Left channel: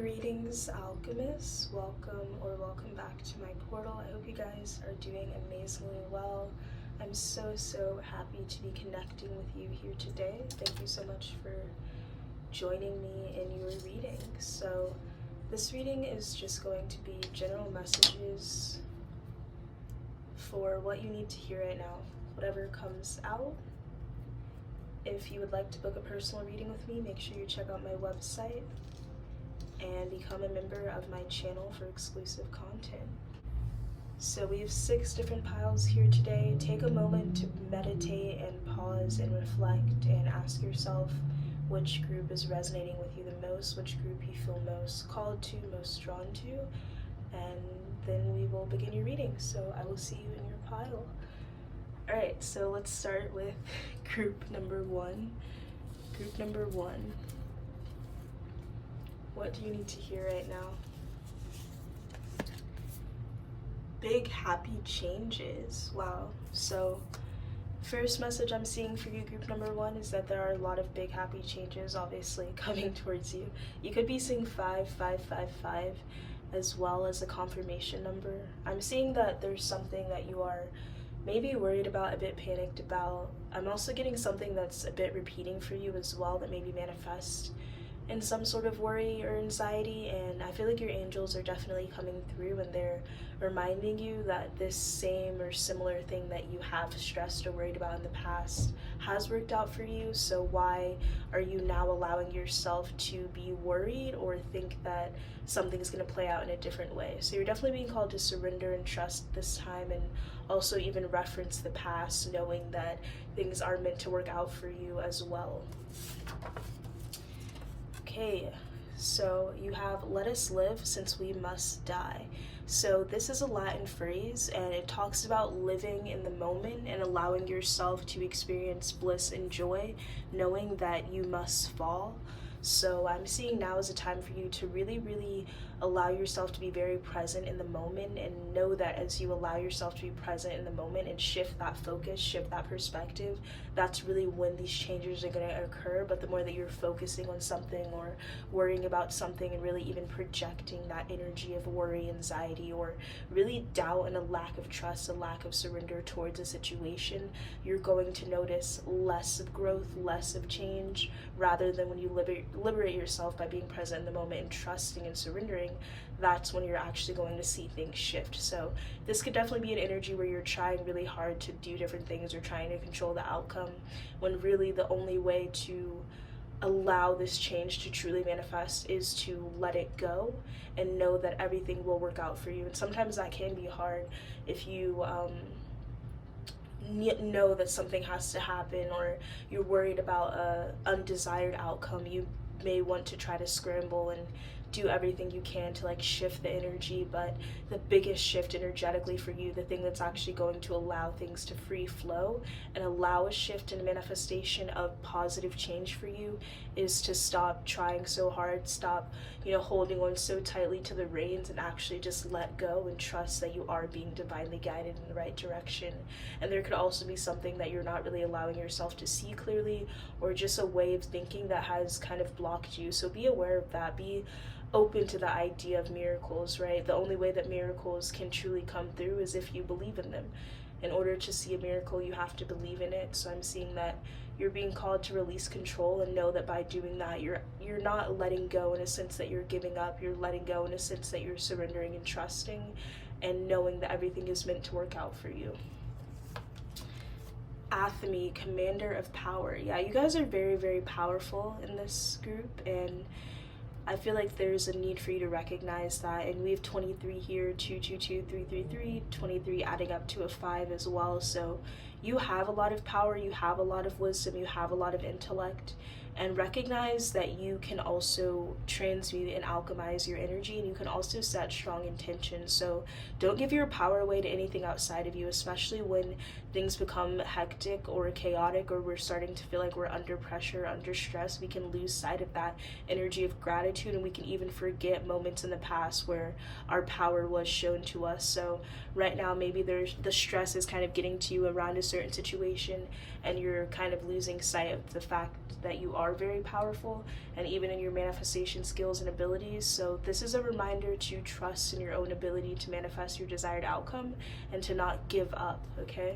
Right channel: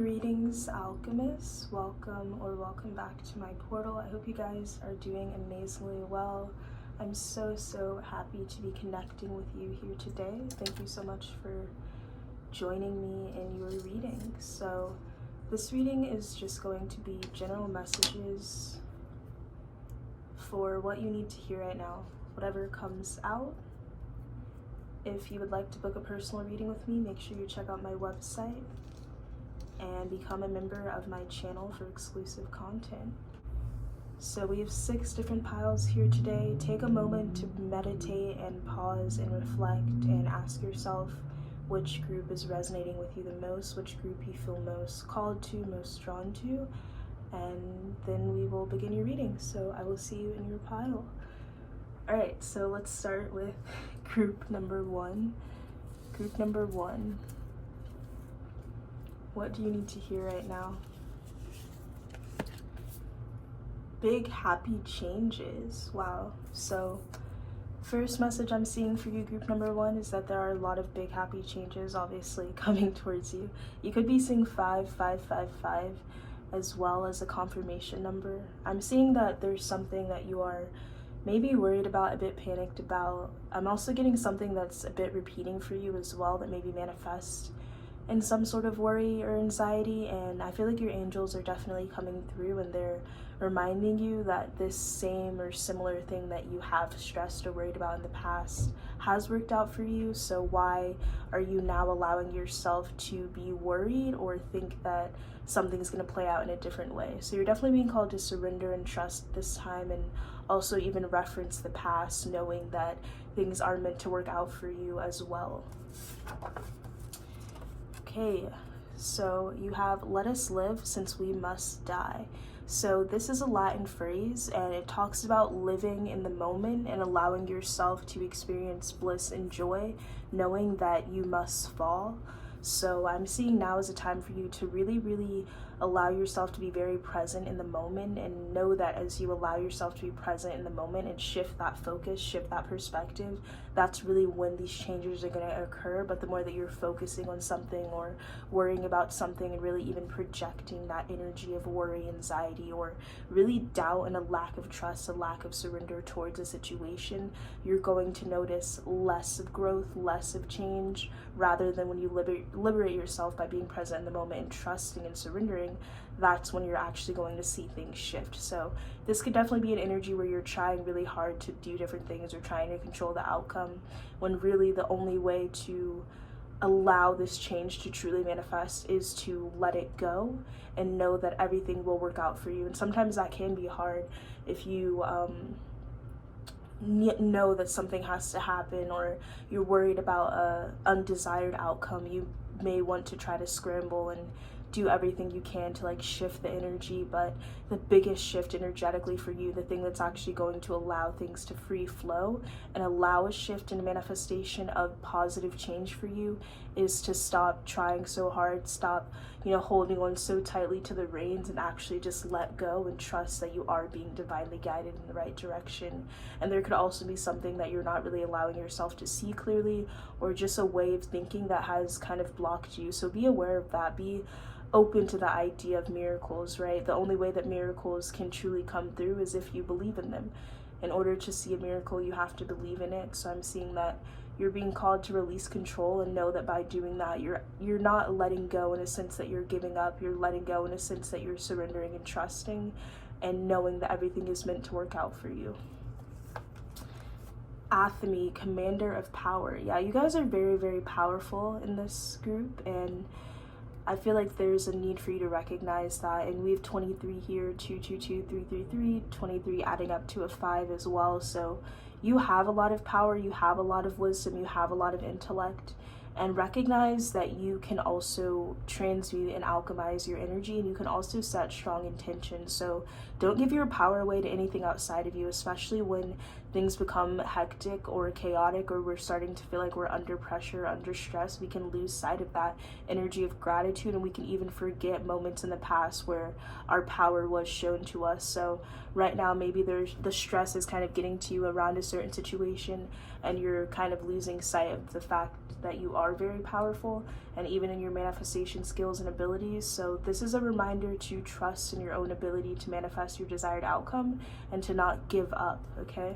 Greetings, alchemists. Welcome back to my portal. I hope you guys are doing amazingly well. I'm so happy to be connecting with you here today. Thank you so much for joining me in your reading. So this reading is just going to be general messages for what you need to hear right now, whatever comes out. If you would like to book a personal reading with me, make sure you check out my website and become a member of my channel for exclusive content. So we have 6 different piles here today. Take a moment to meditate and pause and reflect and ask yourself which group is resonating with you the most, which group you feel most called to, most drawn to, and then we will begin your reading. So I will see you in your pile. Alright, so let's start with group number 1. Group number 1. What do you need to hear right now? Big happy changes. Wow. So first message I'm seeing for you, group number 1, is that there are a lot of big happy changes obviously coming towards you. You could be seeing 5555 as well as a confirmation number. I'm seeing that there's something that you are maybe worried about, a bit panicked about. I'm also getting something that's a bit repeating for you as well that maybe manifests in some sort of worry or anxiety, and I feel like your angels are definitely coming through and they're reminding you that this same or similar thing that you have stressed or worried about in the past has worked out for you. So why are you now allowing yourself to be worried or think that something's going to play out in a different way? So you're definitely being called to surrender and trust this time, and also even reference the past, knowing that things are meant to work out for you as well. Okay, so you have "let us live since we must die." So this is a Latin phrase and it talks about living in the moment and allowing yourself to experience bliss and joy, knowing that you must fall. So I'm seeing now is a time for you to really allow yourself to be very present in the moment, and know that as you allow yourself to be present in the moment and shift that focus, shift that perspective, that's really when these changes are going to occur. But the more that you're focusing on something or worrying about something and really even projecting that energy of worry, anxiety, or really doubt and a lack of trust, a lack of surrender towards a situation, you're going to notice less of growth, less of change, rather than when you liberate yourself by being present in the moment and trusting and surrendering. That's when you're actually going to see things shift. So this could definitely be an energy where you're trying really hard to do different things or trying to control the outcome, when really the only way to allow this change to truly manifest is to let it go and know that everything will work out for you. And sometimes that can be hard if you know that something has to happen, or you're worried about a undesired outcome. You may want to try to scramble and do everything you can to shift the energy, but the biggest shift energetically for you, the thing that's actually going to allow things to free flow and allow a shift and manifestation of positive change for you, is to stop trying so hard, stop holding on so tightly to the reins, and actually just let go and trust that you are being divinely guided in the right direction. And there could also be something that you're not really allowing yourself to see clearly, or just a way of thinking that has kind of blocked you. So be aware of that. Be open to the idea of miracles, right? The only way that miracles can truly come through is if you believe in them. In order to see a miracle, you have to believe in it. So I'm seeing that you're being called to release control, and know that by doing that, you're not letting go in a sense that you're giving up. You're letting go in a sense that you're surrendering and trusting, and knowing that everything is meant to work out for you. Alchemy, commander of power. Yeah, you guys are very powerful in this group, and I feel like there's a need for you to recognize that. And we have 23 here, 222, 333, 23 adding up to a 5 as well. So you have a lot of power, you have a lot of wisdom, you have a lot of intellect, and recognize that you can also transmute and alchemize your energy, and you can also set strong intentions. So don't give your power away to anything outside of you, especially when things become hectic or chaotic, or we're starting to feel like we're under pressure, under stress. We can lose sight of that energy of gratitude, and we can even forget moments in the past where our power was shown to us. So right now, maybe the stress is kind of getting to you around a certain situation, and you're kind of losing sight of the fact that you are very powerful, and even in your manifestation skills and abilities. So this is a reminder to trust in your own ability to manifest your desired outcome and to not give up, okay?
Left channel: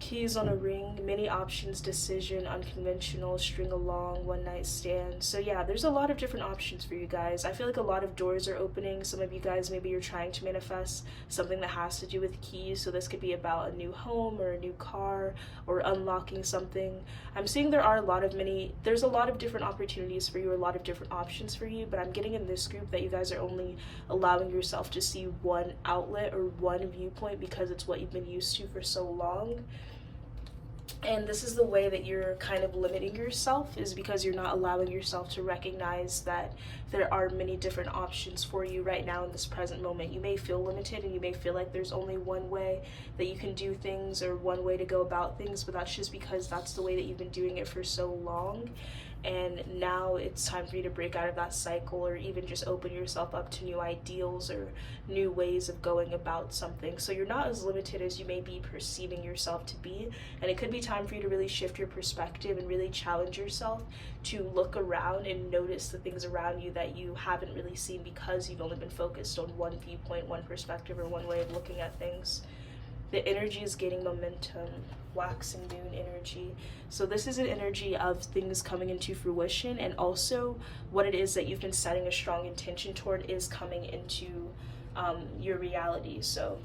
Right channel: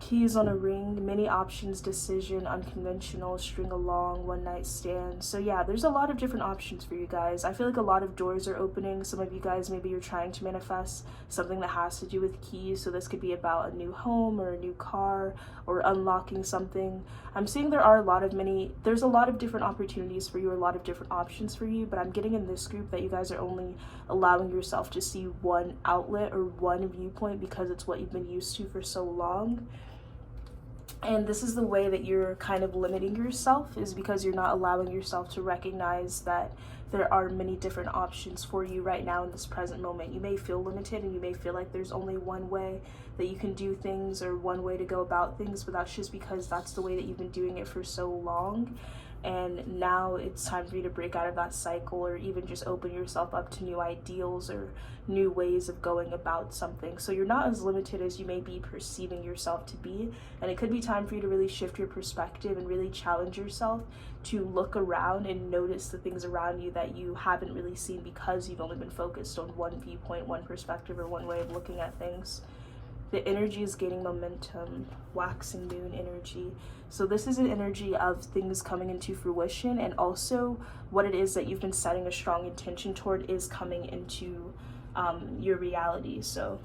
Keys on a ring, many options, decision, unconventional, string along, one night stand. So yeah, there's a lot of different options for you guys. I feel like a lot of doors are opening. Some of you guys, maybe you're trying to manifest something that has to do with keys. So this could be about a new home or a new car or unlocking something. I'm seeing there's a lot of different opportunities for you, a lot of different options for you, but I'm getting in this group that you guys are only allowing yourself to see one outlet or one viewpoint because it's what you've been used to for so long. And this is the way that you're kind of limiting yourself, is because you're not allowing yourself to recognize that there are many different options for you right now in this present moment. You may feel limited and you may feel like there's only one way that you can do things or one way to go about things, but that's just because that's the way that you've been doing it for so long. And now it's time for you to break out of that cycle, or even just open yourself up to new ideals or new ways of going about something. So you're not as limited as you may be perceiving yourself to be. And it could be time for you to really shift your perspective and really challenge yourself to look around and notice the things around you that you haven't really seen because you've only been focused on one viewpoint, one perspective, or one way of looking at things. The energy is gaining momentum, waxing moon energy. So this is an energy of things coming into fruition, and also what it is that you've been setting a strong intention toward is coming into your reality. So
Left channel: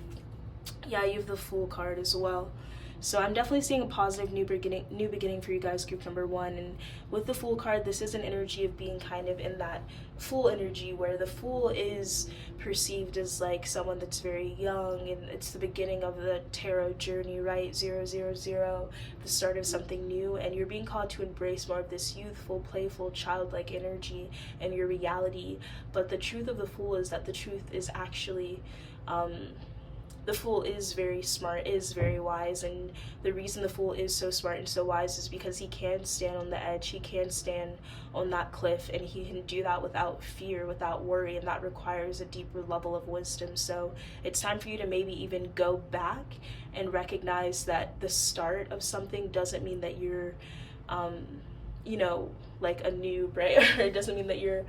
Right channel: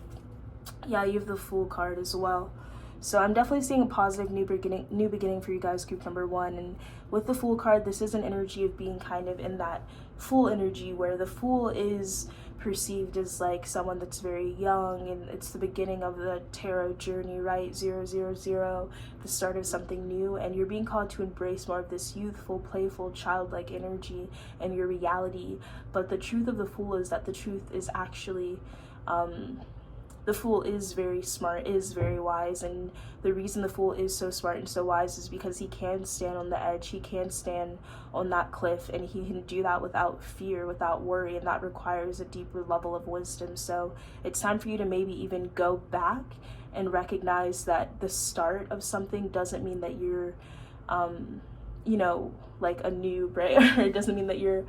yeah, you have the Fool card as well. So I'm definitely seeing a positive new beginning for you guys, group number 1. And with the Fool card, this is an energy of being kind of in that Fool energy, where the Fool is perceived as like someone that's very young, and it's the beginning of the tarot journey, right? 000, the start of something new, and you're being called to embrace more of this youthful, playful, childlike energy and your reality. But the truth of the Fool is that the truth is actually the Fool is very smart, is very wise, and the reason the Fool is so smart and so wise is because he can stand on the edge, he can stand on that cliff, and he can do that without fear, without worry, and that requires a deeper level of wisdom. So it's time for you to maybe even go back and recognize that the start of something doesn't mean that you're, like a noob, right? It doesn't mean that you're,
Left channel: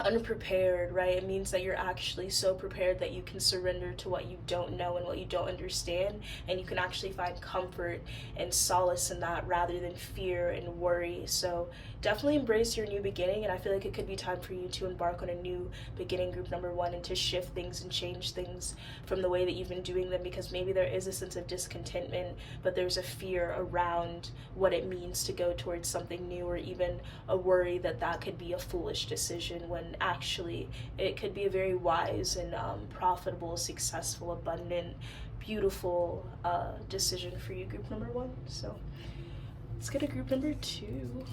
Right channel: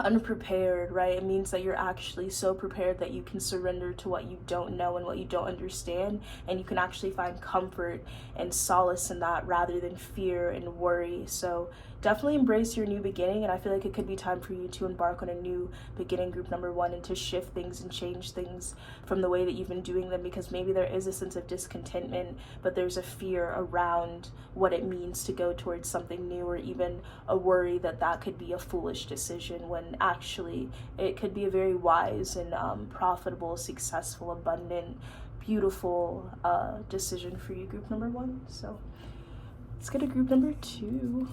unprepared, right? It means that you're actually so prepared that you can surrender to what you don't know and what you don't understand, and you can actually find comfort and solace in that rather than fear and worry. So definitely embrace your new beginning, and I feel like it could be time for you to embark on a new beginning, group number 1, and to shift things and change things from the way that you've been doing them, because maybe there is a sense of discontentment, but there's a fear around what it means to go towards something new, or even a worry that that could be a foolish decision, when actually it could be a very wise and profitable, successful, abundant, beautiful decision for you, group number 1. So let's get to group number 2.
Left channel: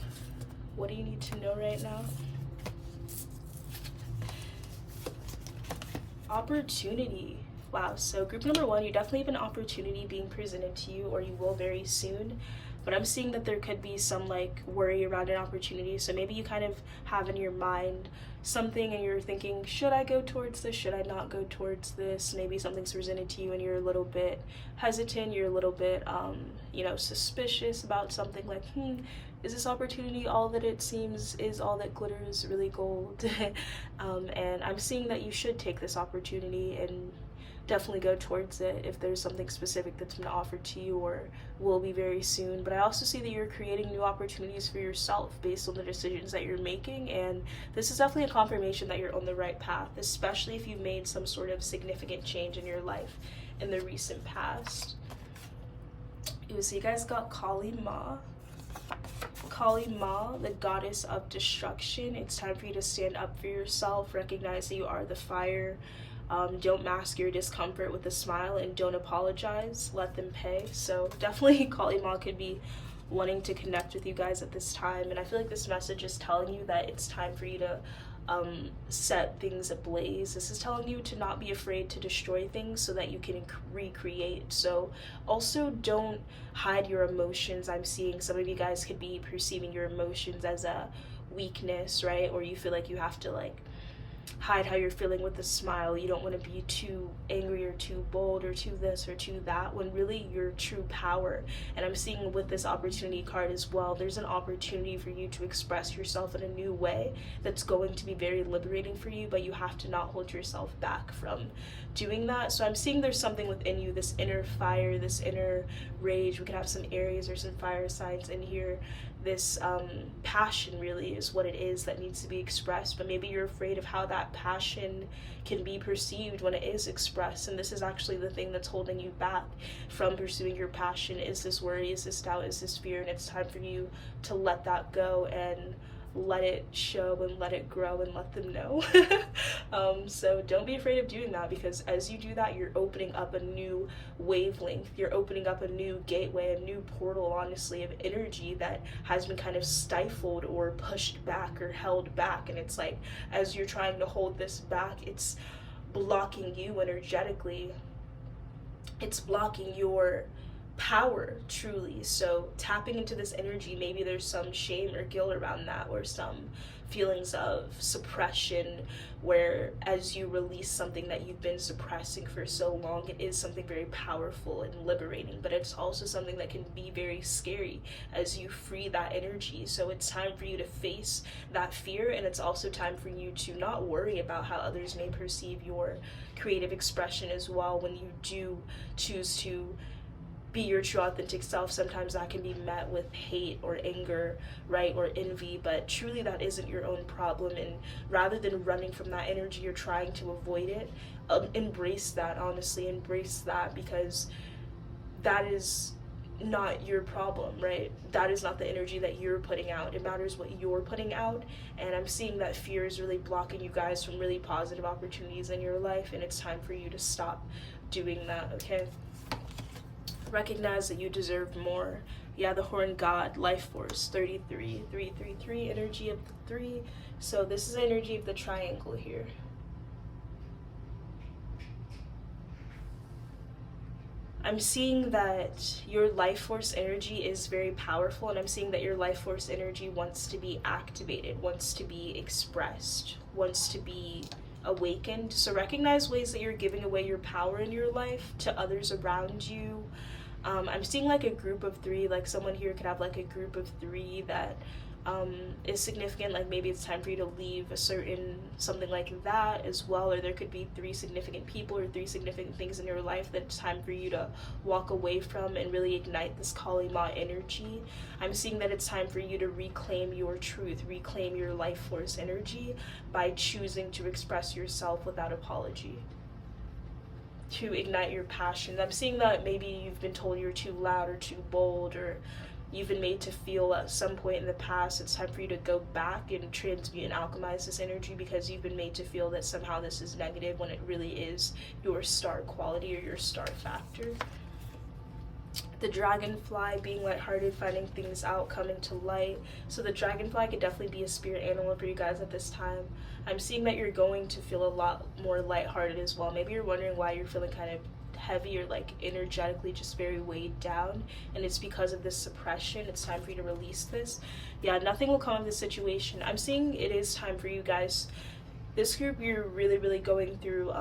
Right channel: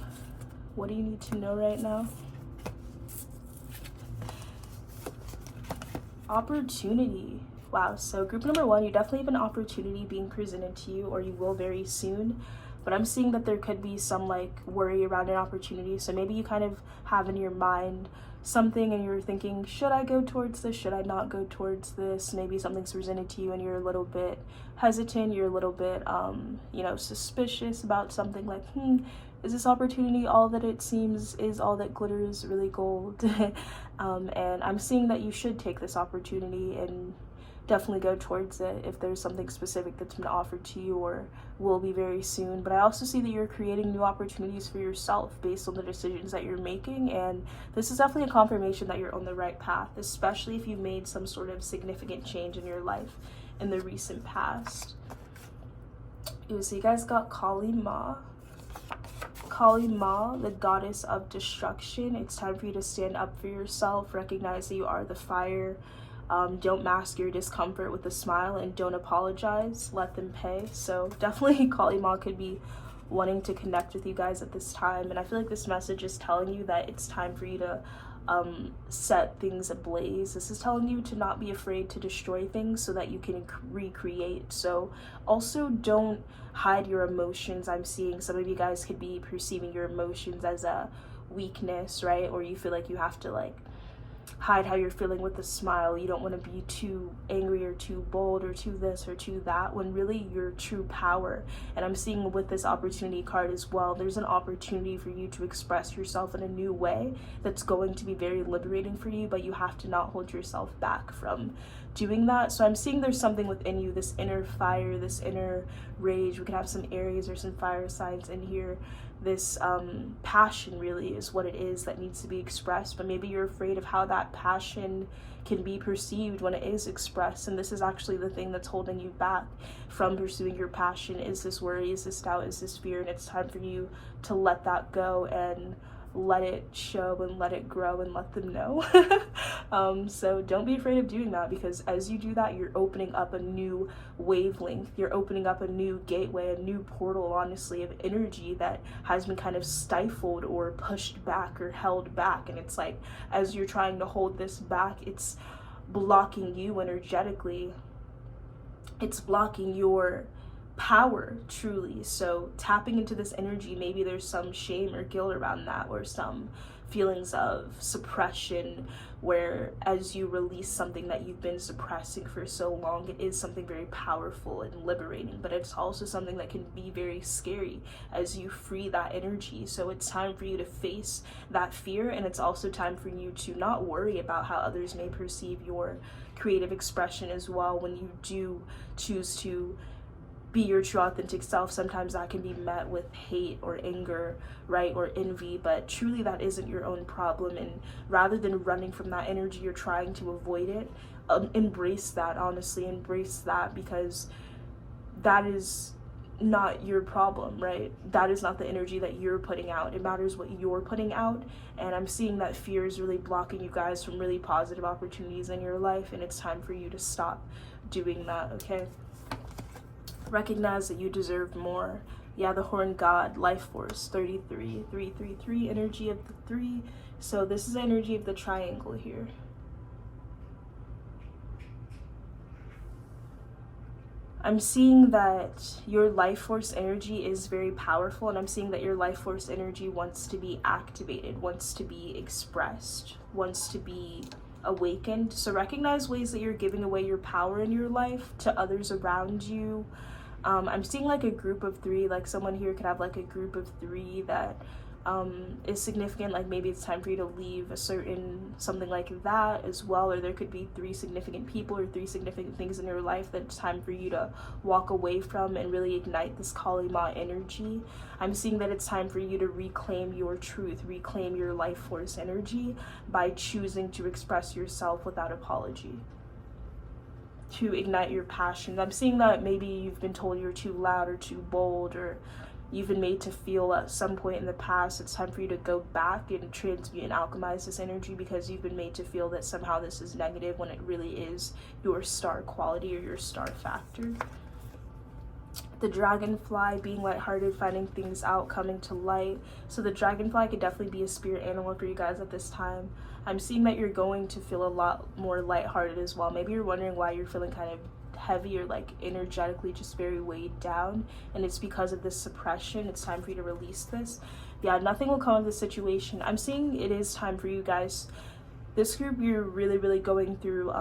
What do you need to know right now? Opportunity. Wow, so group number 1, you definitely have an opportunity being presented to you, or you will very soon. But I'm seeing that there could be some like worry around an opportunity. So maybe you kind of have in your mind something and you're thinking, should I go towards this? Should I not go towards this? Maybe something's presented to you and you're a little bit hesitant. You're a little bit, suspicious about something, like, is this opportunity all that it seems? Is all that glitters really gold? And I'm seeing that you should take this opportunity and definitely go towards it if there's something specific that's been offered to you or will be very soon. But I also see that you're creating new opportunities for yourself based on the decisions that you're making, and this is definitely a confirmation that you're on the right path, especially if you've made some sort of significant change in your life in the recent past. Ooh, so you guys got Kali Ma. Kali Ma, the goddess of destruction. It's time for you to stand up for yourself, recognize that you are the fire. Don't mask your discomfort with a smile, and don't apologize, let them pay. So definitely Kali Ma could be wanting to connect with you guys at this time, and I feel like this message is telling you that it's time for you to set things ablaze. This is telling you to not be afraid to destroy things so that you can recreate. So also don't hide your emotions. I'm seeing some of you guys could be perceiving your emotions as a weakness, right? Or you feel like you have to like hide how you're feeling with a smile. You don't want to be too angry or too bold or too this or too that, when really your true power. And I'm seeing with this opportunity card as well, there's an opportunity for you to express yourself in a new way that's going to be very liberating for you, but you have to not hold yourself back from doing that. So I'm seeing there's something within you, this inner fire, this inner rage. We could have some Aries or some fire signs in here. This passion really is what it is that needs to be expressed, but maybe you're afraid of how that passion can be perceived when it is expressed. And this is actually the thing that's holding you back from pursuing your passion, is this worry, is this doubt, is this fear. And it's time for you to let that go and let it show and let it grow and let them know. So don't be afraid of doing that, because as you do that, you're opening up a new wavelength. You're opening up a new gateway, a new portal, honestly, of energy that has been kind of stifled or pushed back or held back. And it's like, as you're trying to hold this back, it's blocking you energetically. It's blocking your power, truly. So tapping into this energy, maybe there's some shame or guilt around that, or some feelings of suppression, where as you release something that you've been suppressing for so long, it is something very powerful and liberating, but it's also something that can be very scary as you free that energy. So it's time for you to face that fear, and it's also time for you to not worry about how others may perceive your creative expression as well. When you do choose to be your true authentic self, sometimes that can be met with hate or anger, right, or envy, but truly that isn't your own problem. And rather than running from that energy, you're trying to avoid it. Embrace that, honestly, embrace that, because that is not your problem, right? That is not the energy that you're putting out. It matters what you're putting out. And I'm seeing that fear is really blocking you guys from really positive opportunities in your life, and it's time for you to stop doing that, okay? Recognize that you deserve more. Yeah, the Horn God, Life Force, 33, 333, energy of the 3. So this is the energy of the triangle here. I'm seeing that your life force energy is very powerful, and I'm seeing that your life force energy wants to be activated, wants to be expressed, wants to be awakened. So recognize ways that you're giving away your power in your life to others around you. I'm seeing like a group of 3, like someone here could have like a group of 3 that is significant. Like maybe it's time for you to leave a certain something like that as well, or there could be 3 significant people or 3 significant things in your life that it's time for you to walk away from and really ignite this Kali Ma energy. I'm seeing that it's time for you to reclaim your truth, reclaim your life force energy by choosing to express yourself without apology, to ignite your passion. I'm seeing that maybe you've been told you're too loud or too bold, or you've been made to feel at some point in the past. It's time for you to go back and transmute and alchemize this energy, because you've been made to feel that somehow this is negative when it really is your star quality or your star factor. The dragonfly, being lighthearted, finding things out, coming to light. So the dragonfly could definitely be a spirit animal for you guys at this time. I'm seeing that you're going to feel a lot more lighthearted as well. Maybe you're wondering why you're feeling kind of heavy or like energetically just very weighed down, and it's because of this suppression. It's time for you to release this. Yeah, nothing will come of this situation. I'm seeing it is time for you guys. This group, you're really going through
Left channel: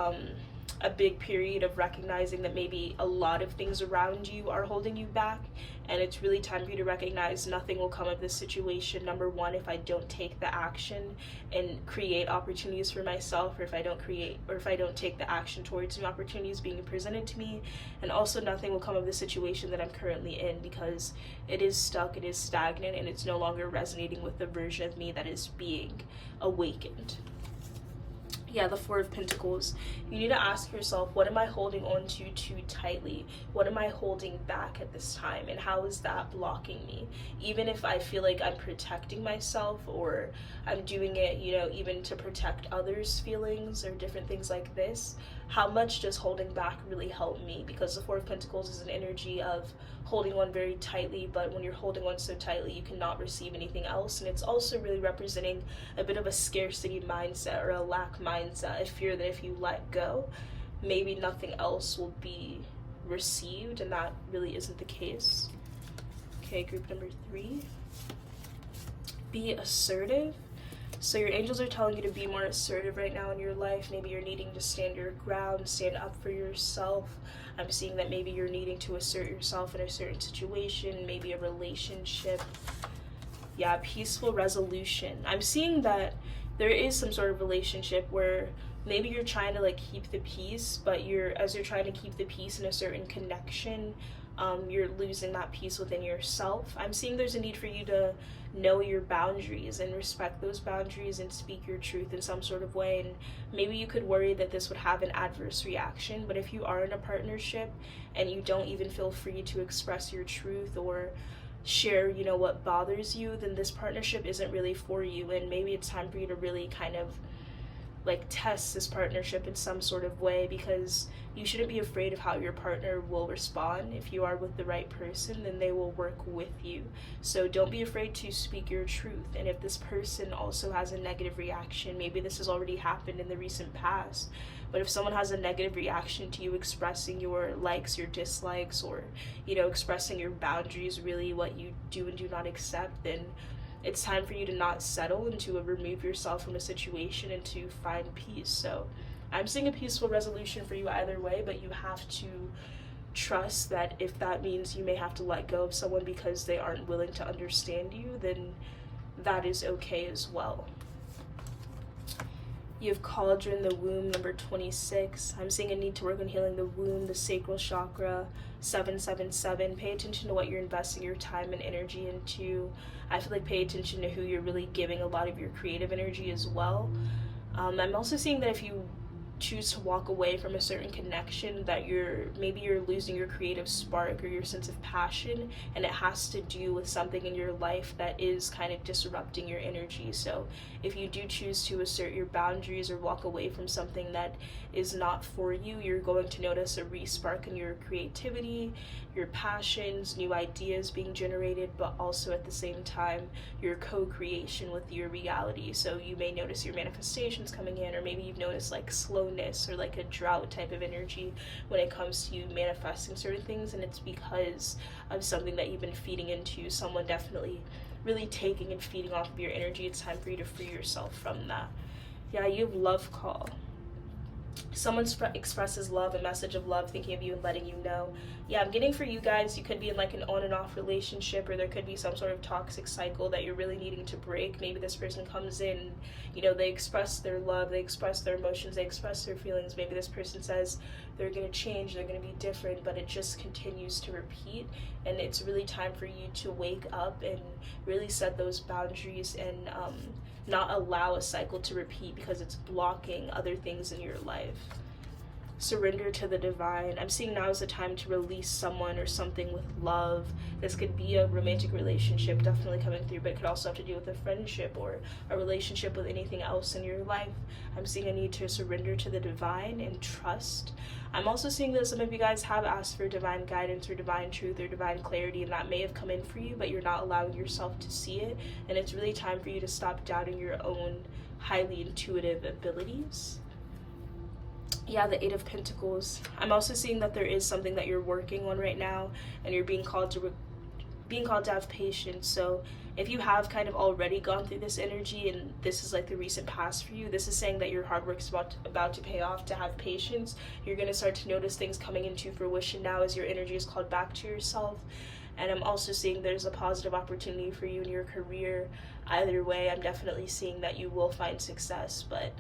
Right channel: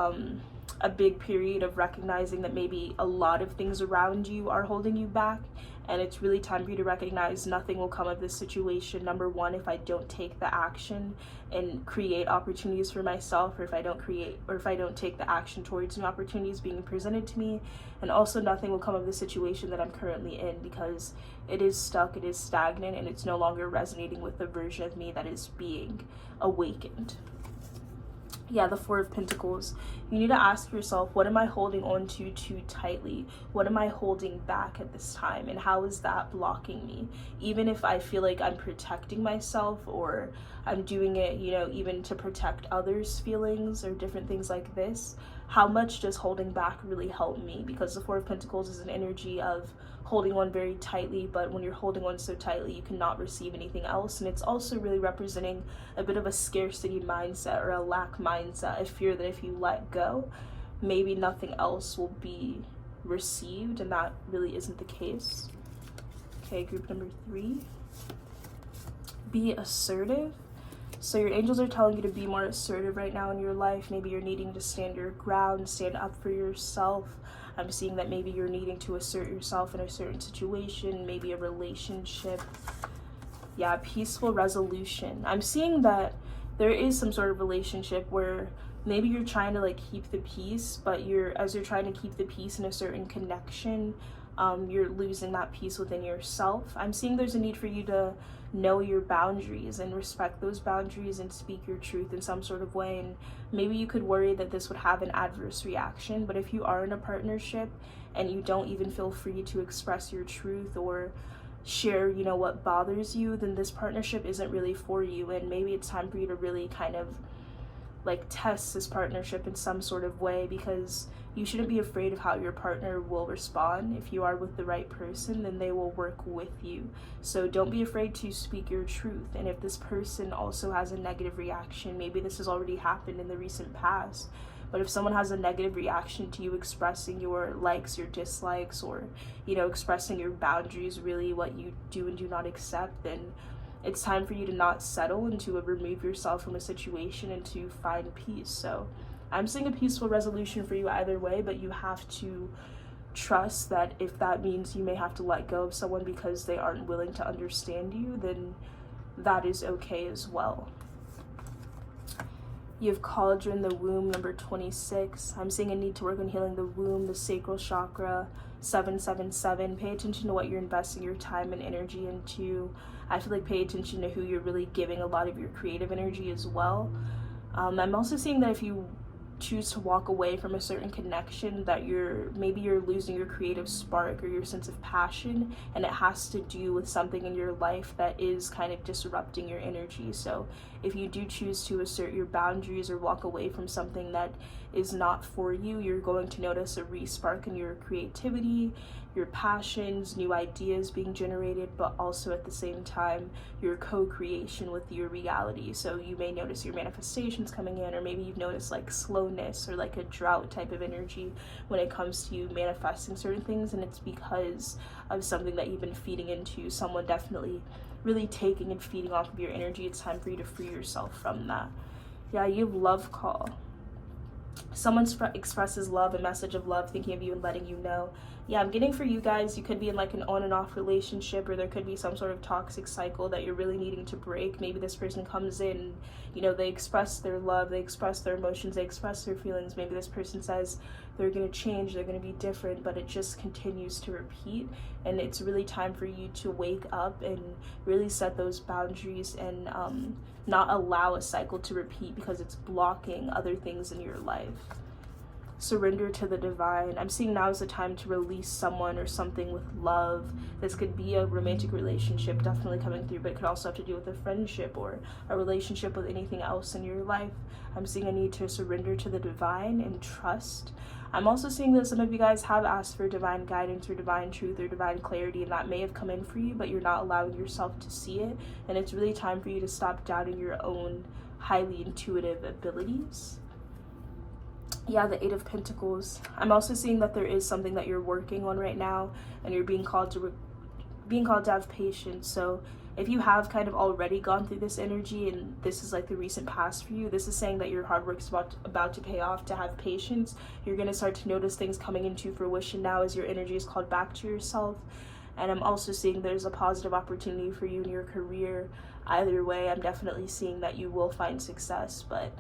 a big period of recognizing that maybe a lot of things around you are holding you back, and it's really time for you to recognize nothing will come of this situation. Number one, if I don't take the action and create opportunities for myself, or if I don't take the action towards new opportunities being presented to me. And also nothing will come of the situation that I'm currently in, because it is stuck, it is stagnant, and it's no longer resonating with the version of me that is being awakened. Yeah, the Four of Pentacles. You need to ask yourself, what am I holding on to too tightly? What am I holding back at this time? And how is that blocking me? Even if I feel like I'm protecting myself, or I'm doing it, you know, even to protect others' feelings or different things like this, how much does holding back really help me? Because the Four of Pentacles is an energy of holding on very tightly, but when you're holding on so tightly, you cannot receive anything else. And it's also really representing a bit of a scarcity mindset or a lack mindset, a fear that if you let go, maybe nothing else will be received, and that really isn't the case. Okay, group number 3. Be assertive. So your angels are telling you to be more assertive right now in your life. Maybe you're needing to stand your ground, stand up for yourself. I'm seeing that maybe you're needing to assert yourself in a certain situation, maybe a relationship. Yeah, peaceful resolution. I'm seeing that there is some sort of relationship where maybe you're trying to like keep the peace, but as you're trying to keep the peace in a certain connection, you're losing that peace within yourself. I'm seeing there's a need for you to know your boundaries and respect those boundaries and speak your truth in some sort of way. And maybe you could worry that this would have an adverse reaction, but if you are in a partnership and you don't even feel free to express your truth or share, you know, what bothers you, then this partnership isn't really for you. And maybe it's time for you to really kind of like test this partnership in some sort of way, because you shouldn't be afraid of how your partner will respond. If you are with the right person, then they will work with you. So don't be afraid to speak your truth. And if this person also has a negative reaction, maybe this has already happened in the recent past, but if someone has a negative reaction to you expressing your likes, your dislikes, or, you know, expressing your boundaries, really what you do and do not accept, then it's time for you to not settle and to remove yourself from a situation and to find peace. So I'm seeing a peaceful resolution for you either way, but you have to trust that if that means you may have to let go of someone because they aren't willing to understand you, then that is okay as well. You have cauldron, the womb, number 26. I'm seeing a need to work on healing the womb, the sacral chakra, 777. Pay attention to what you're investing your time and energy into. I feel like pay attention to who you're really giving a lot of your creative energy as well. I'm also seeing that if you choose to walk away from a certain connection, that maybe you're losing your creative spark or your sense of passion, and it has to do with something in your life that is kind of disrupting your energy. So if you do choose to assert your boundaries or walk away from something that is not for you, you're going to notice a re-spark in your creativity, your passions, new ideas being generated, but also at the same time your co-creation with your reality. So you may notice your manifestations coming in, or maybe you've noticed like slowness or like a drought type of energy when it comes to manifesting certain things, and it's because of something that you've been feeding into, someone definitely really taking and feeding off of your energy. It's time for you to free yourself from that. Yeah, you have love call. Someone expresses love, a message of love, thinking of you and letting you know. Yeah, I'm getting for you guys, you could be in like an on and off relationship, or there could be some sort of toxic cycle that you're really needing to break. Maybe this person comes in, you know, they express their love, they express their emotions, they express their feelings. Maybe this person says they're going to change, they're going to be different, but it just continues to repeat. And it's really time for you to wake up and really set those boundaries and not allow a cycle to repeat, because it's blocking other things in your life. Surrender to the divine. I'm seeing now is the time to release someone or something with love. This could be a romantic relationship definitely coming through, but it could also have to do with a friendship or a relationship with anything else in your life. I'm seeing a need to surrender to the divine and trust. I'm also seeing that some of you guys have asked for divine guidance or divine truth or divine clarity, and that may have come in for you, but you're not allowing yourself to see it. And it's really time for you to stop doubting your own highly intuitive abilities. Yeah, the Eight of Pentacles. I'm also seeing that there is something that you're working on right now, and you're being called to have patience. So if you have kind of already gone through this energy and this is like the recent past for you, this is saying that your hard work is about to pay off. To have patience, you're going to start to notice things coming into fruition now as your energy is called back to yourself. And I'm also seeing there's a positive opportunity for you in your career. Either way, I'm definitely seeing that you will find success, but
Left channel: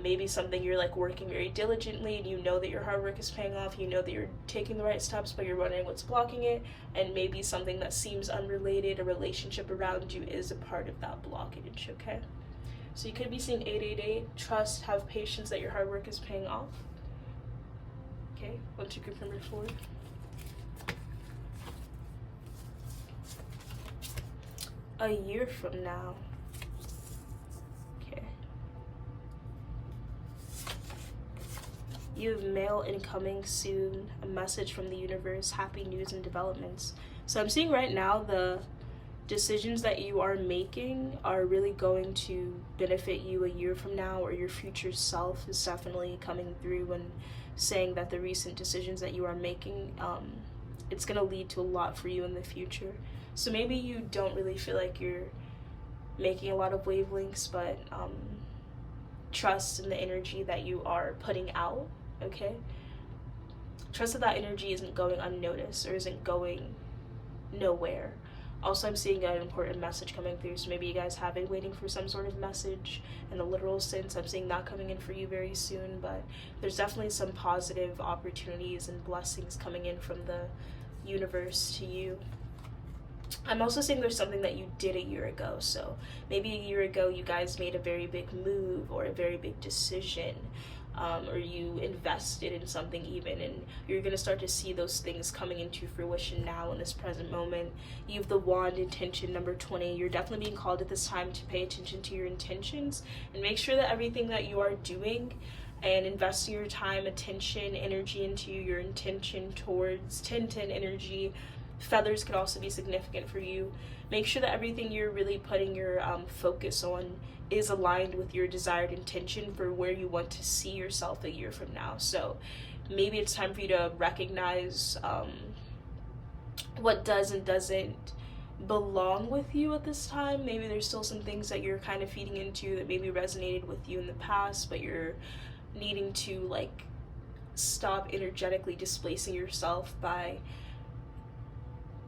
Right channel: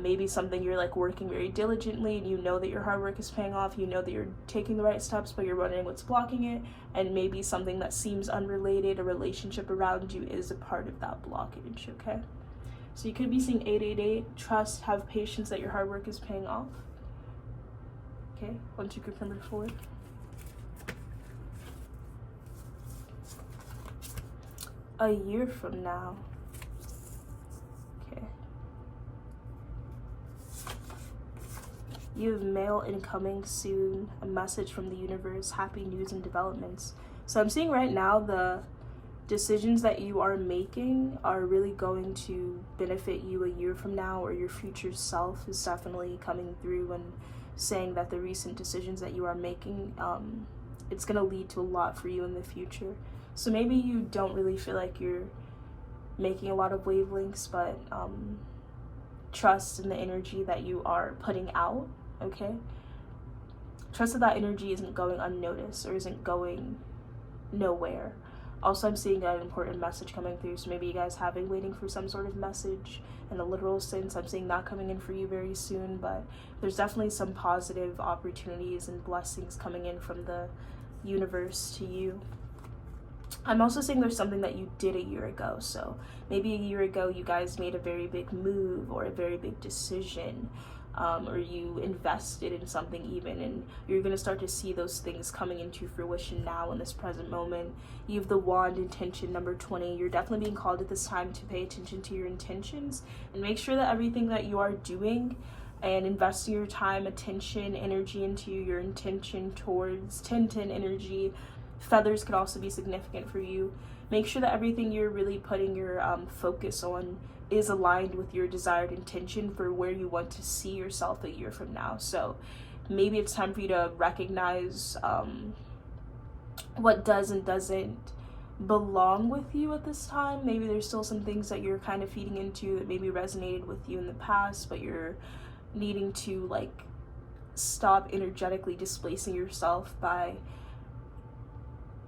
maybe something you're like working very diligently, and you know that your hard work is paying off, you know that you're taking the right steps, but you're wondering what's blocking it. And maybe something that seems unrelated, a relationship around you, is a part of that blockage. Okay, so you could be seeing 888. Trust, have patience that your hard work is paying off. Okay, 1, 2, confirm it 4. A year from now. You have mail incoming soon, a message from the universe, happy news and developments. So I'm seeing right now the decisions that you are making are really going to benefit you a year from now, or your future self is definitely coming through and saying that the recent decisions that you are making, it's going to lead to a lot for you in the future. So maybe you don't really feel like you're making a lot of wavelengths, but trust in the energy that you are putting out, okay? Trust that that energy isn't going unnoticed or isn't going nowhere. Also, I'm seeing an important message coming through, so maybe you guys have been waiting for some sort of message in a literal sense. I'm seeing that coming in for you very soon, but there's definitely some positive opportunities and blessings coming in from the universe to you. I'm also seeing there's something that you did a year ago, so maybe a year ago you guys made a very big move or a very big decision, or you invested in something even, and you're going to start to see those things coming into fruition now in this present moment. You have the wand, intention, number 20. You're definitely being called at this time to pay attention to your intentions and make sure that everything that you are doing and investing your time, attention, energy into your intention towards 10-10 energy. Feathers could also be significant for you. Make sure that everything you're really putting your focus on is aligned with your desired intention for where you want to see yourself a year from now. So maybe it's time for you to recognize what does and doesn't belong with you at this time. Maybe there's still some things that you're kind of feeding into that maybe resonated with you in the past, but you're needing to like stop energetically displacing yourself by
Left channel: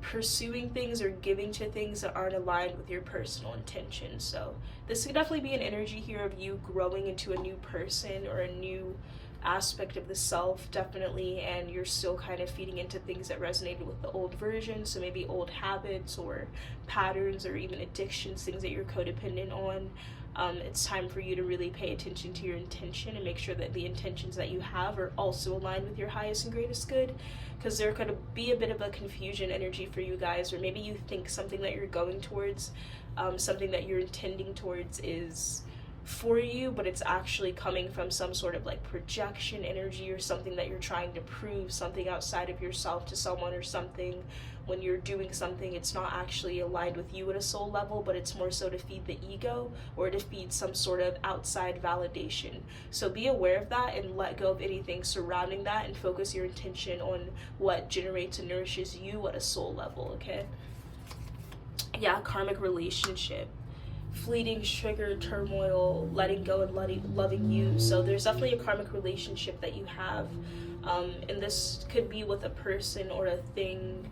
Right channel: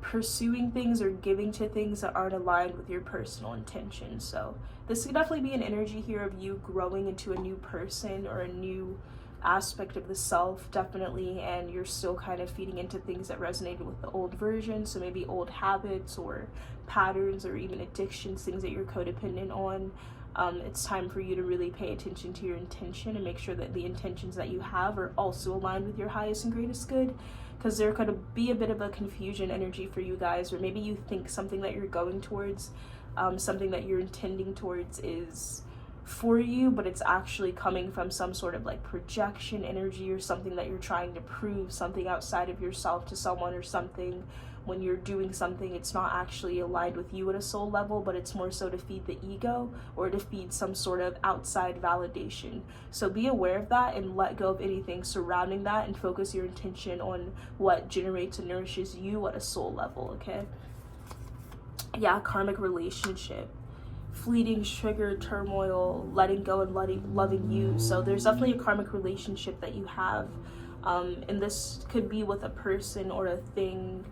pursuing things or giving to things that aren't aligned with your personal intentions. So this could definitely be an energy here of you growing into a new person or a new aspect of the self, definitely, and you're still kind of feeding into things that resonated with the old version. So maybe old habits or patterns or even addictions, things that you're codependent on. It's time for you to really pay attention to your intention and make sure that the intentions that you have are also aligned with your highest and greatest good, because there could be a bit of a confusion energy for you guys, or maybe you think something that you're going towards, something that you're intending towards is for you, but it's actually coming from some sort of like projection energy or something that you're trying to prove, something outside of yourself to someone or something. When you're doing something, it's not actually aligned with you at a soul level, but it's more so to feed the ego or to feed some sort of outside validation. So be aware of that and let go of anything surrounding that and focus your intention on what generates and nourishes you at a soul level, okay? Yeah, karmic relationship. Fleeting trigger, turmoil, letting go and loving you. So there's definitely a karmic relationship that you have, and this could be with a person or a thing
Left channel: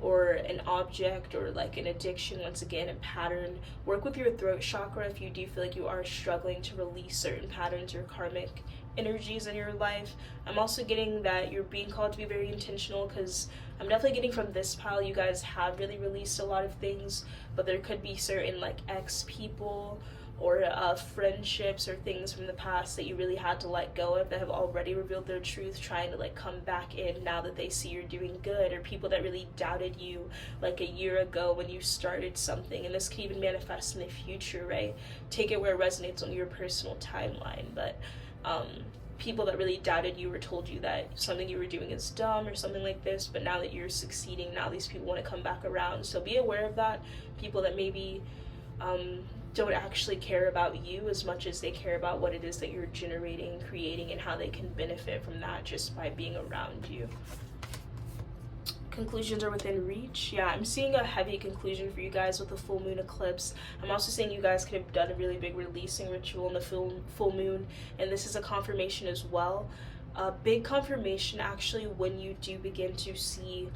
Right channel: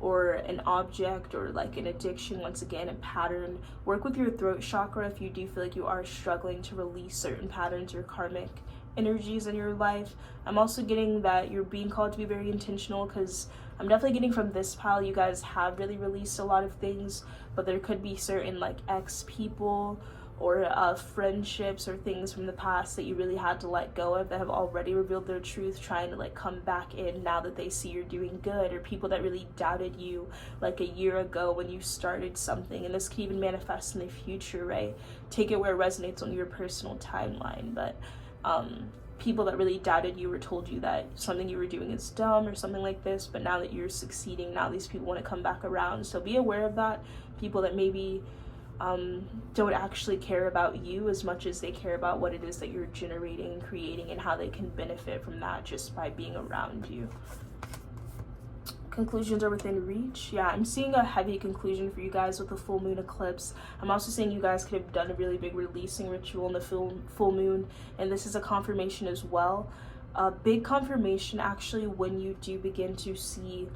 or an object or like an addiction, once again, a pattern. Work with your throat chakra if you do feel like you are struggling to release certain patterns or karmic energies in your life. I'm also getting that you're being called to be very intentional, because I'm definitely getting from this pile you guys have really released a lot of things, but there could be certain like ex people or friendships or things from the past that you really had to let go of that have already revealed their truth, trying to like come back in now that they see you're doing good, or people that really doubted you like a year ago when you started something. And this can even manifest in the future, right? Take it where it resonates on your personal timeline, but people that really doubted you or told you that something you were doing is dumb or something like this, but now that you're succeeding, now these people want to come back around. So be aware of that. People that maybe don't actually care about you as much as they care about what it is that you're generating, creating, and how they can benefit from that just by being around you. Conclusions are within reach. Yeah, I'm seeing a heavy conclusion for you guys with the full moon eclipse. I'm also seeing you guys could have done a really big releasing ritual in the full moon, and this is a confirmation as well. A big confirmation actually when you do begin to see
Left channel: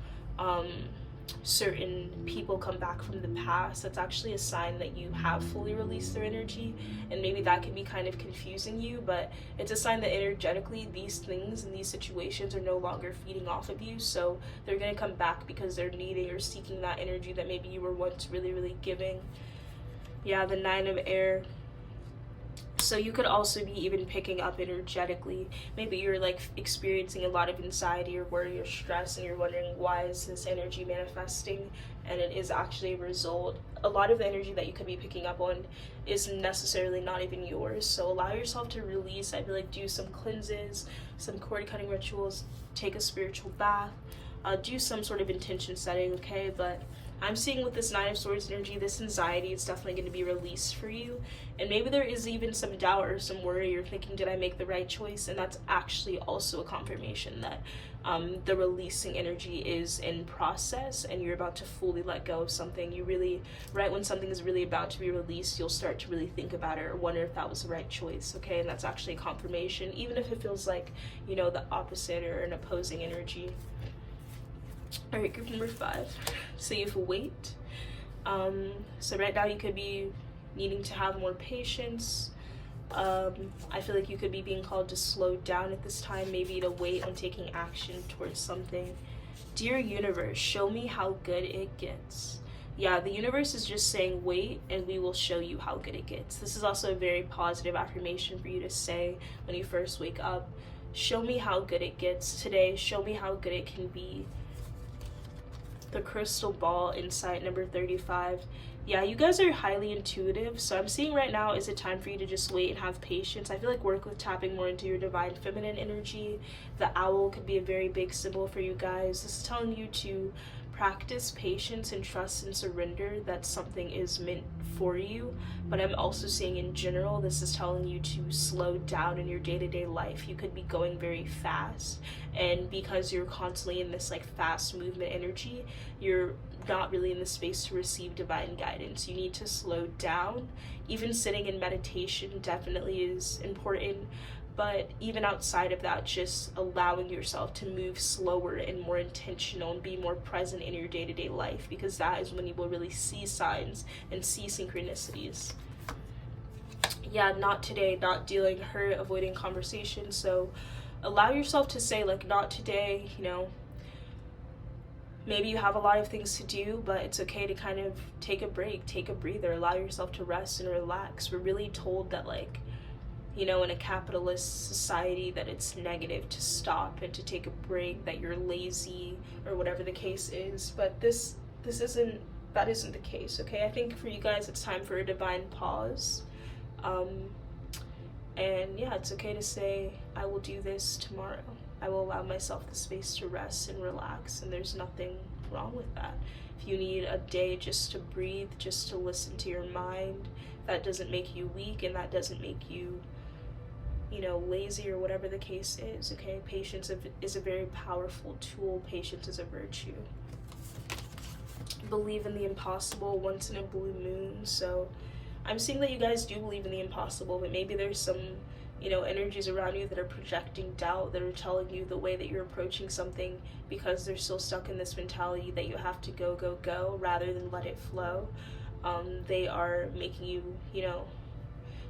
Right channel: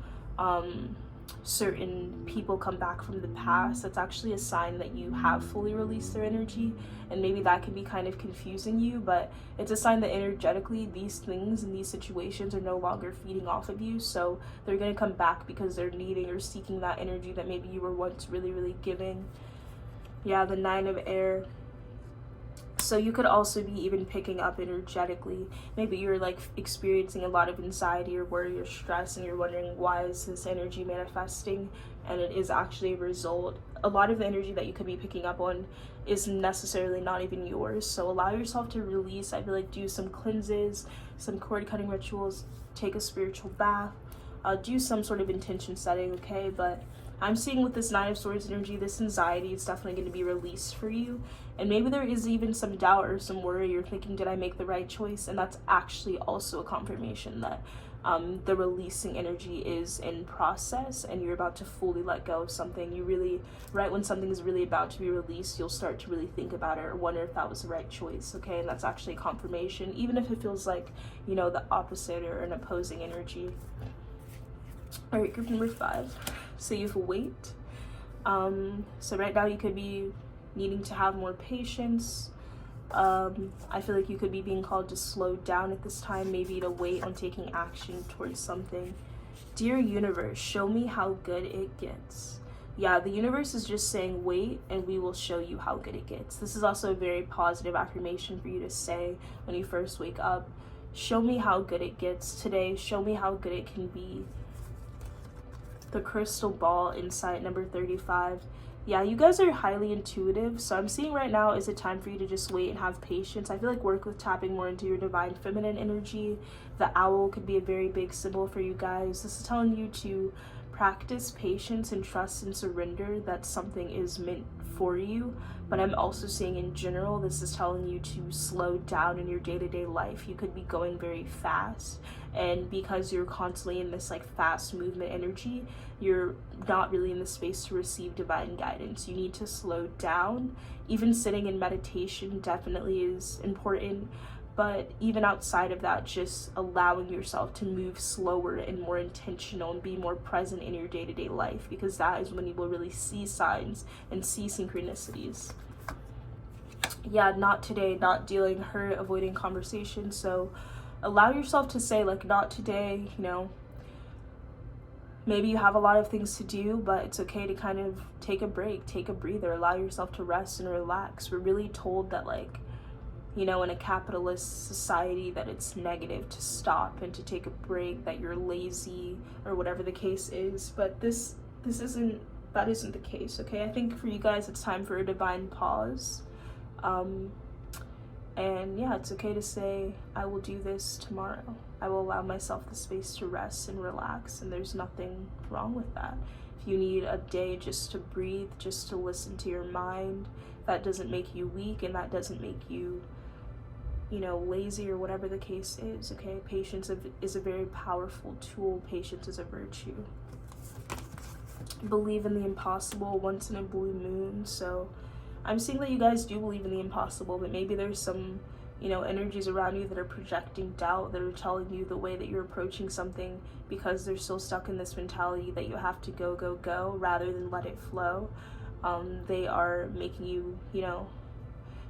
certain people come back from the past. That's actually a sign that you have fully released their energy, and maybe that can be kind of confusing you, but it's a sign that energetically these things and these situations are no longer feeding off of you, so they're going to come back because they're needing or seeking that energy that maybe you were once really giving. Yeah, the 9 of air. So you could also be even picking up energetically. Maybe you're like experiencing a lot of anxiety or worry or stress, and you're wondering, why is this energy manifesting? And it is actually a result. A lot of the energy that you could be picking up on is necessarily not even yours. So allow yourself to release. I feel like do some cleanses, some cord cutting rituals, take a spiritual bath, do some sort of intention setting, okay? But I'm seeing with this 9 of Swords energy, this anxiety is definitely going to be released for you. And maybe there is even some doubt or some worry. You're thinking, did I make the right choice? And that's actually also a confirmation that the releasing energy is in process, and you're about to fully let go of something. You really, right when something is really about to be released, you'll start to really think about it or wonder if that was the right choice, okay? And that's actually confirmation, even if it feels like, you know, the opposite or an opposing energy. All right, group number 5. So you have weight. So right now you could be needing to have more patience. I feel like you could be being called to slow down at this time, maybe to wait on taking action towards something. Dear universe, show me how good it gets. Yeah, the universe is just saying wait, and we will show you how good it gets. This is also a very positive affirmation for you to say when you first wake up. Show me how good it gets today. Show me how good it can be. The crystal ball insight number 35. Yeah, you guys are highly intuitive, so I'm seeing right now is a time for you to just wait and have patience. I feel like work with tapping more into your divine feminine energy. The owl could be a very big symbol for you guys. This is telling you to practice patience and trust and surrender that something is meant for you. But I'm also seeing in general, this is telling you to slow down in your day-to-day life. You could be going very fast, and because you're constantly in this like fast movement energy, you're not really in the space to receive divine guidance. You need to slow down. Even sitting in meditation definitely is important, but even outside of that, just allowing yourself to move slower and more intentional and be more present in your day-to-day life, because that is when you will really see signs and see synchronicities. Yeah, not today, not dealing, hurt, avoiding conversation. So allow yourself to say like, not today, you know. Maybe you have a lot of things to do, but it's okay to kind of take a break, take a breather, allow yourself to rest and relax. We're really told that, like, you know, in a capitalist society, that it's negative to stop and to take a break, that you're lazy or whatever the case is. But that isn't the case, okay? I think for you guys, it's time for a divine pause. And yeah, it's okay to say, I will do this tomorrow. I will allow myself the space to rest and relax, and there's nothing wrong with that. If you need a day just to breathe, just to listen to your mind, that doesn't make you weak, and that doesn't make you, you know, lazy or whatever the case is, okay? Patience is a very powerful tool. Patience is a virtue. Believe in the impossible once in a blue moon. So I'm seeing that you guys do believe in the impossible, but maybe there's some, you know, energies around you that are projecting doubt, that are telling you the way that you're approaching something, because they're still stuck in this mentality that you have to go rather than let it flow. They are making you, you know,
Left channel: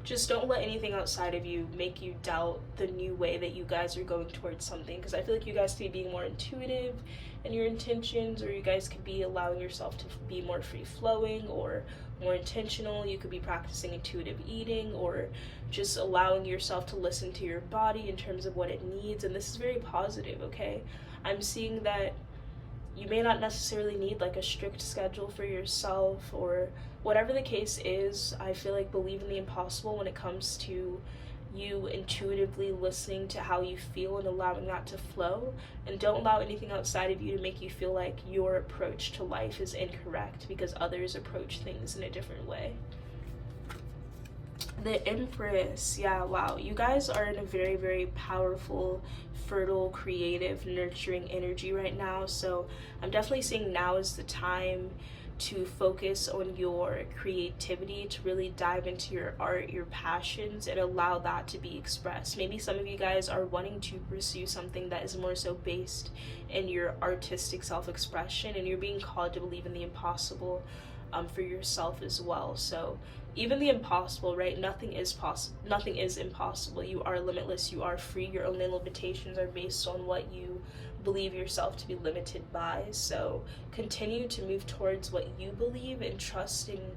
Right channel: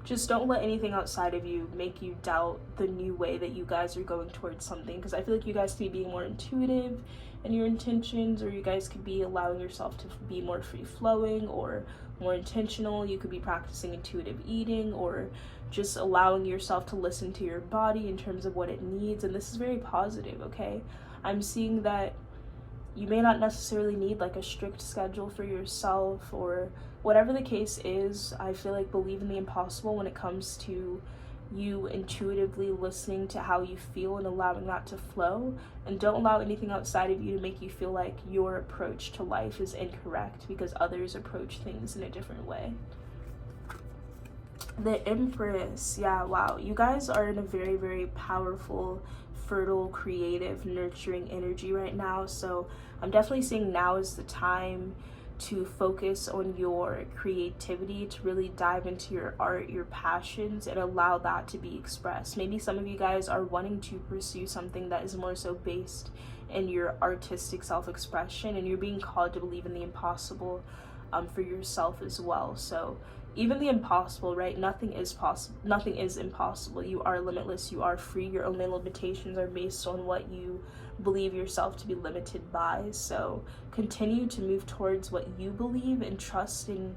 just don't let anything outside of you make you doubt the new way that you guys are going towards something, because I feel like you guys could be more intuitive in your intentions, or you guys could be allowing yourself to be more free-flowing or more intentional. You could be practicing intuitive eating, or just allowing yourself to listen to your body in terms of what it needs, and this is very positive, okay? I'm seeing that you may not necessarily need like a strict schedule for yourself, or whatever the case is. I feel like believe in the impossible when it comes to you intuitively listening to how you feel and allowing that to flow, and don't allow anything outside of you to make you feel like your approach to life is incorrect because others approach things in a different way. The Empress, yeah, wow, you guys are in a very, very powerful, fertile, creative, nurturing energy right now. So I'm definitely seeing now is the time to focus on your creativity, to really dive into your art, your passions, and allow that to be expressed. Maybe some of you guys are wanting to pursue something that is more so based in your artistic self-expression, and you're being called to believe in the impossible for yourself as well. So even the impossible, right? Nothing is possible. Nothing is impossible. You are limitless. You are free. Your only limitations are based on what you believe yourself to be limited by. So continue to move towards what you believe and trust in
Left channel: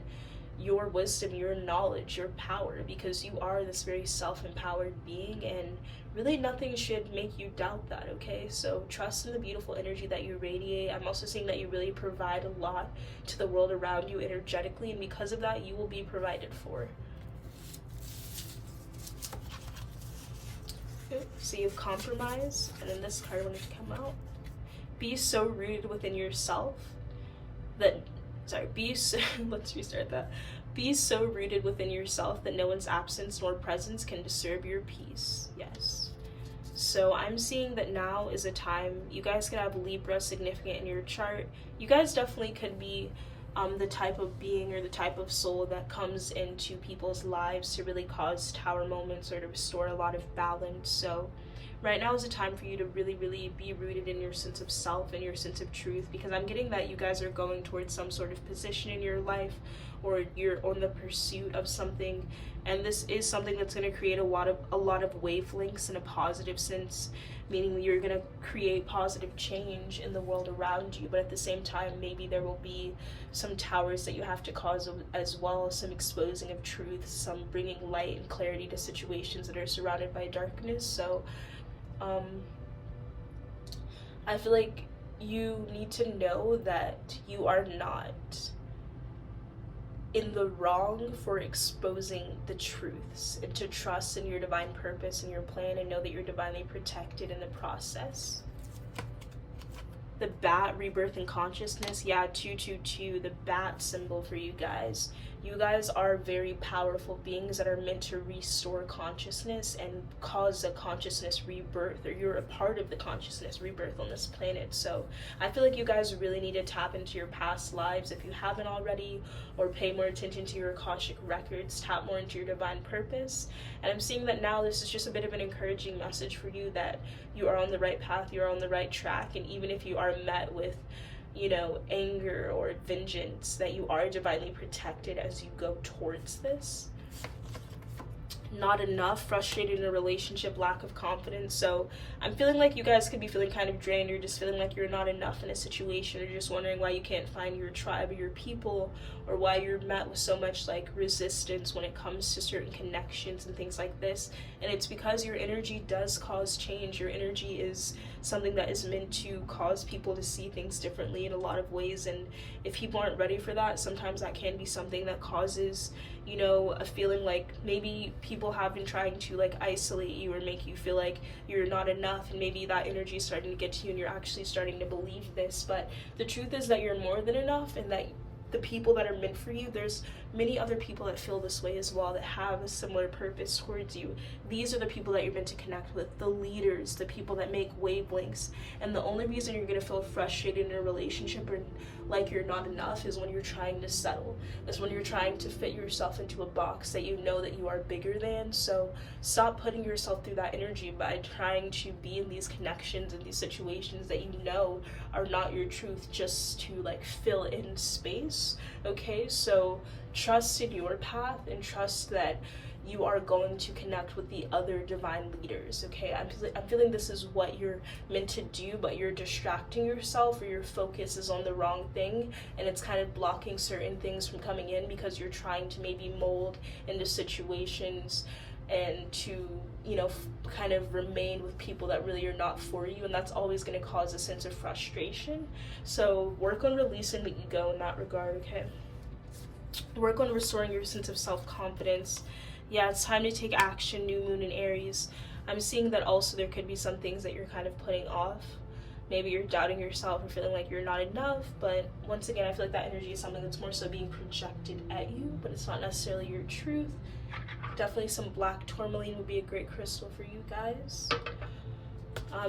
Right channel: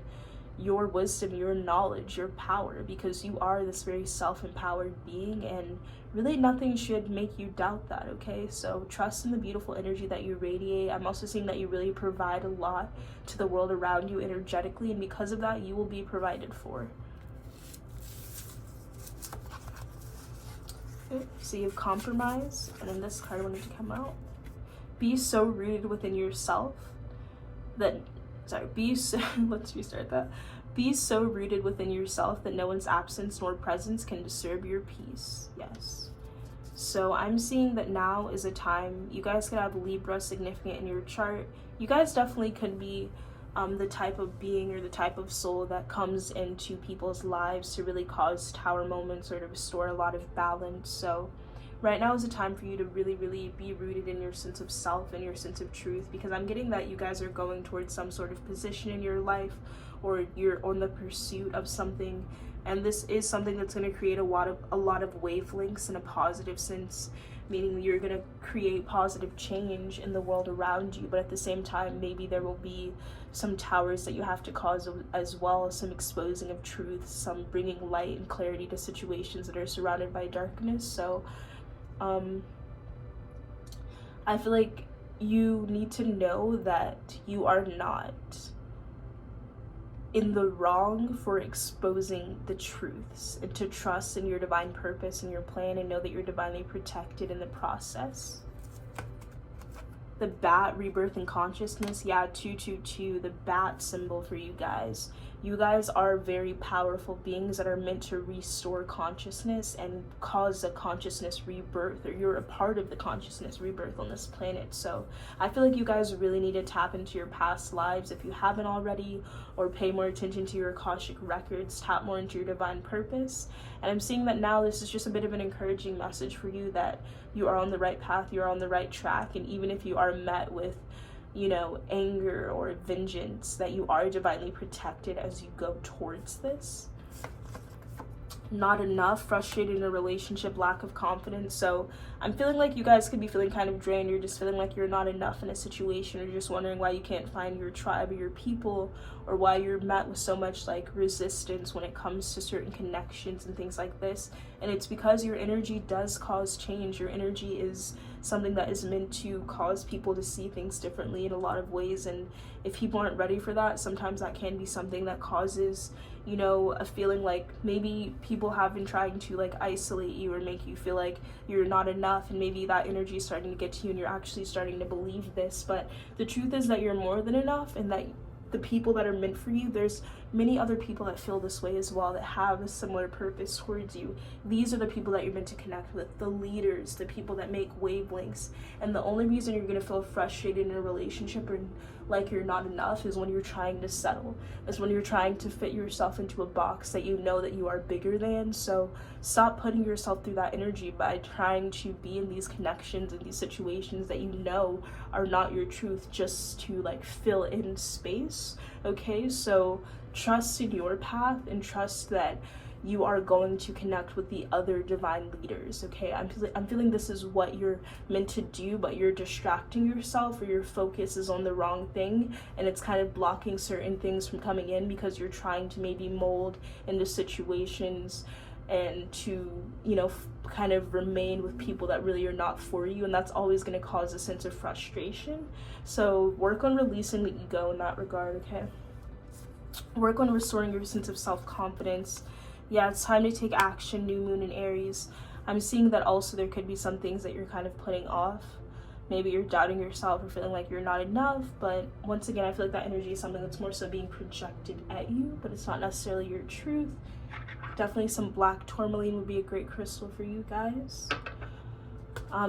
your wisdom, your knowledge, your power, because you are this very self-empowered being, and really nothing should make you doubt that, okay? So trust in the beautiful energy that you radiate. I'm also seeing that you really provide a lot to the world around you energetically, and because of that, you will be provided for. So you have compromise, and then this card wanted to come out. Be so rooted within yourself that, let's restart that. Be so rooted within yourself that no one's absence nor presence can disturb your peace. Yes. So I'm seeing that now is a time, you guys could have Libra significant in your chart. You guys definitely could be the type of being or the type of soul that comes into people's lives to really cause tower moments or to restore a lot of balance. So right now is a time for you to really, really be rooted in your sense of self and your sense of truth, because I'm getting that you guys are going towards some sort of position in your life, or you're on the pursuit of something, and this is something that's going to create a lot of wavelengths in a positive sense, meaning you're going to create positive change in the world around you. But at the same time, maybe there will be some towers that you have to cause as well, some exposing of truth, some bringing light and clarity to situations that are surrounded by darkness. So I feel like you need to know that you are not in the wrong for exposing the truths, and to trust in your divine purpose and your plan, and know that you're divinely protected in the process. The bat, rebirth and consciousness. Yeah, 222, the bat symbol for you guys. You guys are very powerful beings that are meant to restore consciousness and cause a consciousness rebirth, or you're a part of the consciousness rebirth on this planet. So I feel like you guys really need to tap into your past lives if you haven't already, or pay more attention to your Akashic records, tap more into your divine purpose. And I'm seeing that now this is just a bit of an encouraging message for you, that you are on the right path, you're on the right track, and even if you are met with, you know, anger or vengeance, that you are divinely protected as you go towards this. Not enough, frustrated in a relationship, lack of confidence. So I'm feeling like you guys could be feeling kind of drained. You're just feeling like you're not enough in a situation. You're just wondering why you can't find your tribe or your people, or why you're met with so much like resistance when it comes to certain connections and things like this. And it's because your energy does cause change. Your energy is something that is meant to cause people to see things differently in a lot of ways. And if people aren't ready for that, sometimes that can be something that causes, you know, a feeling like maybe people have been trying to like isolate you or make you feel like you're not enough, and maybe that energy is starting to get to you and you're actually starting to believe this. But the truth is that you're more than enough, and that the people that are meant for you, there's many other people that feel this way as well, that have a similar purpose towards you. These are the people that you're meant to connect with, the leaders, the people that make wavelengths. And the only reason you're going to feel frustrated in a relationship or like you're not enough is when you're trying to settle, is when you're trying to fit yourself into a box that you know that you are bigger than. So stop putting yourself through that energy by trying to be in these connections and these situations that you know are not your truth, just to like fill in space. Okay, so trust in your path, and trust that you are going to connect with the other divine leaders. Okay, I'm feeling this is what you're meant to do, but you're distracting yourself, or your focus is on the wrong thing, and it's kind of blocking certain things from coming in because you're trying to maybe mold into situations and to, you know, kind of remain with people that really are not for you, and that's always going to cause a sense of frustration. So work on releasing the ego in that regard. Okay, work on restoring your sense of self-confidence. Yeah, it's time to take action. New moon in Aries. I'm seeing that also there could be some things that you're kind of putting off. Maybe you're doubting yourself or feeling like you're not enough, but once again, I feel like that energy is something that's more so being projected at you, but it's not necessarily your truth. Definitely some black tourmaline would be a great crystal for you guys.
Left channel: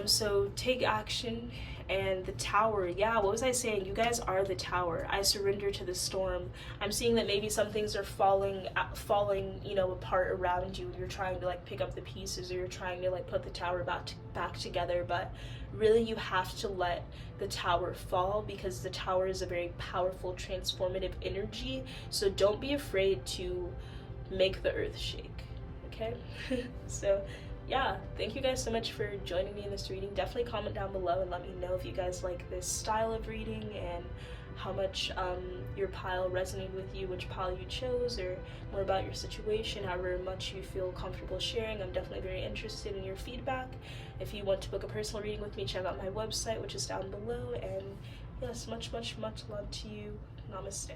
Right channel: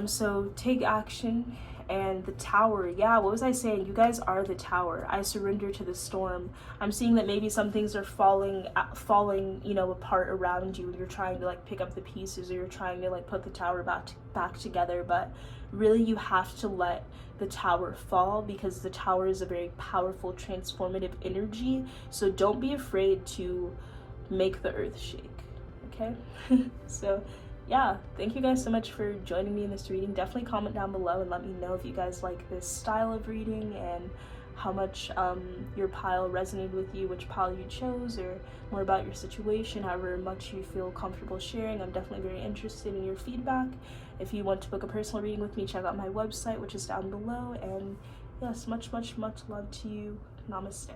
So take action. And the tower, yeah, what was I saying? You guys are the tower. I surrender to the storm. I'm seeing that maybe some things are falling, you know, apart around you. You're trying to like pick up the pieces, or you're trying to like put the tower back together, but really you have to let the tower fall, because the tower is a very powerful transformative energy. So don't be afraid to make the earth shake. Okay. So yeah, thank you guys so much for joining me in this reading. Definitely comment down below and let me know if you guys like this style of reading, and how much your pile resonated with you, which pile you chose, or more about your situation, however much you feel comfortable sharing. I'm definitely very interested in your feedback. If you want to book a personal reading with me, check out my website, which is down below. And yes, much love to you. Namaste.